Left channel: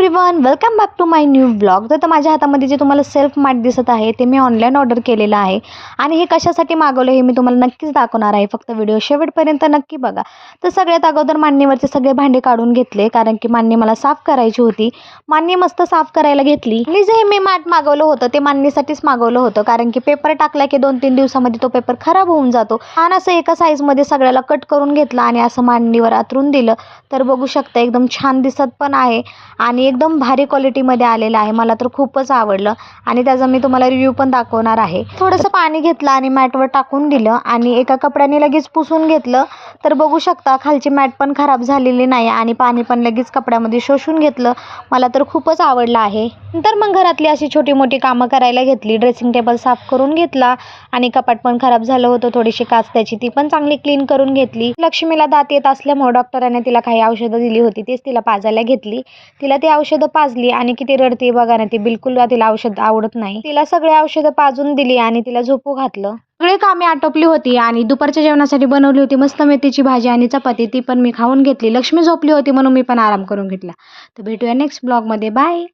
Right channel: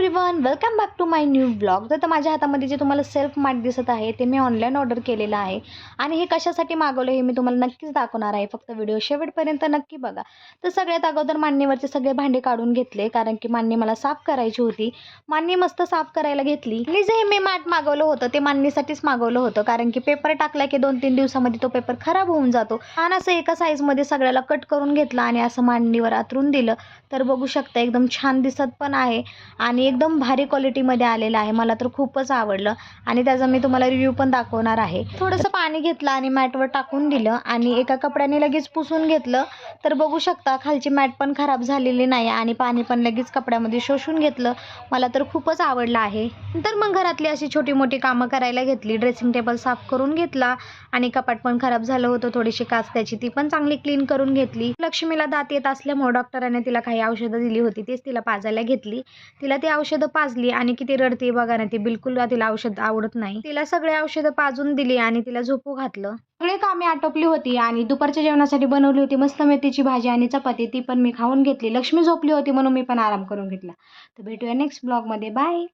Everyone, welcome back to my new blog. तर माझ्या हातामध्ये जे तुम्हाला सेल्फ मॅट दिसत आहे ते मी ऑनलाईन ऑर्डर केलेलं आहे आणि हे कशासाठी मागवलं हे मी तुम्हाला नक्कीच दाखवणार आहे. फक्त व्हिडिओ शेवटपर्यंत नक्की बघा. तर सगळ्यात अगोदर मांडणीवरचे सगळे भांडे काढून घेतले, कारण की मांडणी मला साफ करायची होती. मांडणी मस्त साफ करायला घेतली आणि जे मी मॅट मागवलं होतं ते मांडणीसाठीच मागवलं होतं, कारण की पेपर टाकला की 2-3 दिवसामध्ये तो पेपर खराब होऊन जातो. आणि असं एका साईजमध्ये सगळ्याला कट करून घेतला आणि असं मांडणीवर आतरून दिलं. तर बघू शकता एकदम छान दिसत पण आहे आणि एकदम भारी क्वालिटीमध्ये आलेलं आहे. मला तर खूपच आवडलं आणि त्याचा मी तुम्हाला रिव्ह्यू पण दाखवणार आहे. थोडंसं पाणी घेतलं आणि मॅटवर टाकून दिलं आणि एका कपड्याने लगेच पुसून घेतलं. तर बघू शकता खालची मॅट पण खराब झालेली नाही आणि पाणी पण लगेच कपड्यामध्ये शोषून घेतलं. मला तर खूपच आवडलं आहे. नंतर मग घरातली अशी छोटी मोठी कामं करायला घेतली. ड्रेसिंग टेबल साफ करून घेतला आणि कपाट पण खराब झालं होतं, थोडीशी काच त्याची ती पण चांगली क्लीन करून घेतली. लक्ष्मीला दात येत असल्यामुळे डॉक्टरांनी तिला काही औषधं दिली होती, तेच तिला पाजायला घेतली. तिला ती औषधं पाजली आणि किती रडते बघा ना, ती बिलकुल तिला औषध आवडत नाही. तिला सगळे औषधं पाजून दिली आणि तिला झोपू घातलं. सगळे कामे आटोपली होती आणि दुपारच्या जेवणासाठी बनवली होती मस्त मेथीची भाजी आणि चपाती, ती पण मी खाऊन घेतली. लक्ष्मी झोपली होती म्हणून मी पण आराम करून घेतला. तर भेटूया नेक्स्ट ब्लॉगमध्ये. बाय.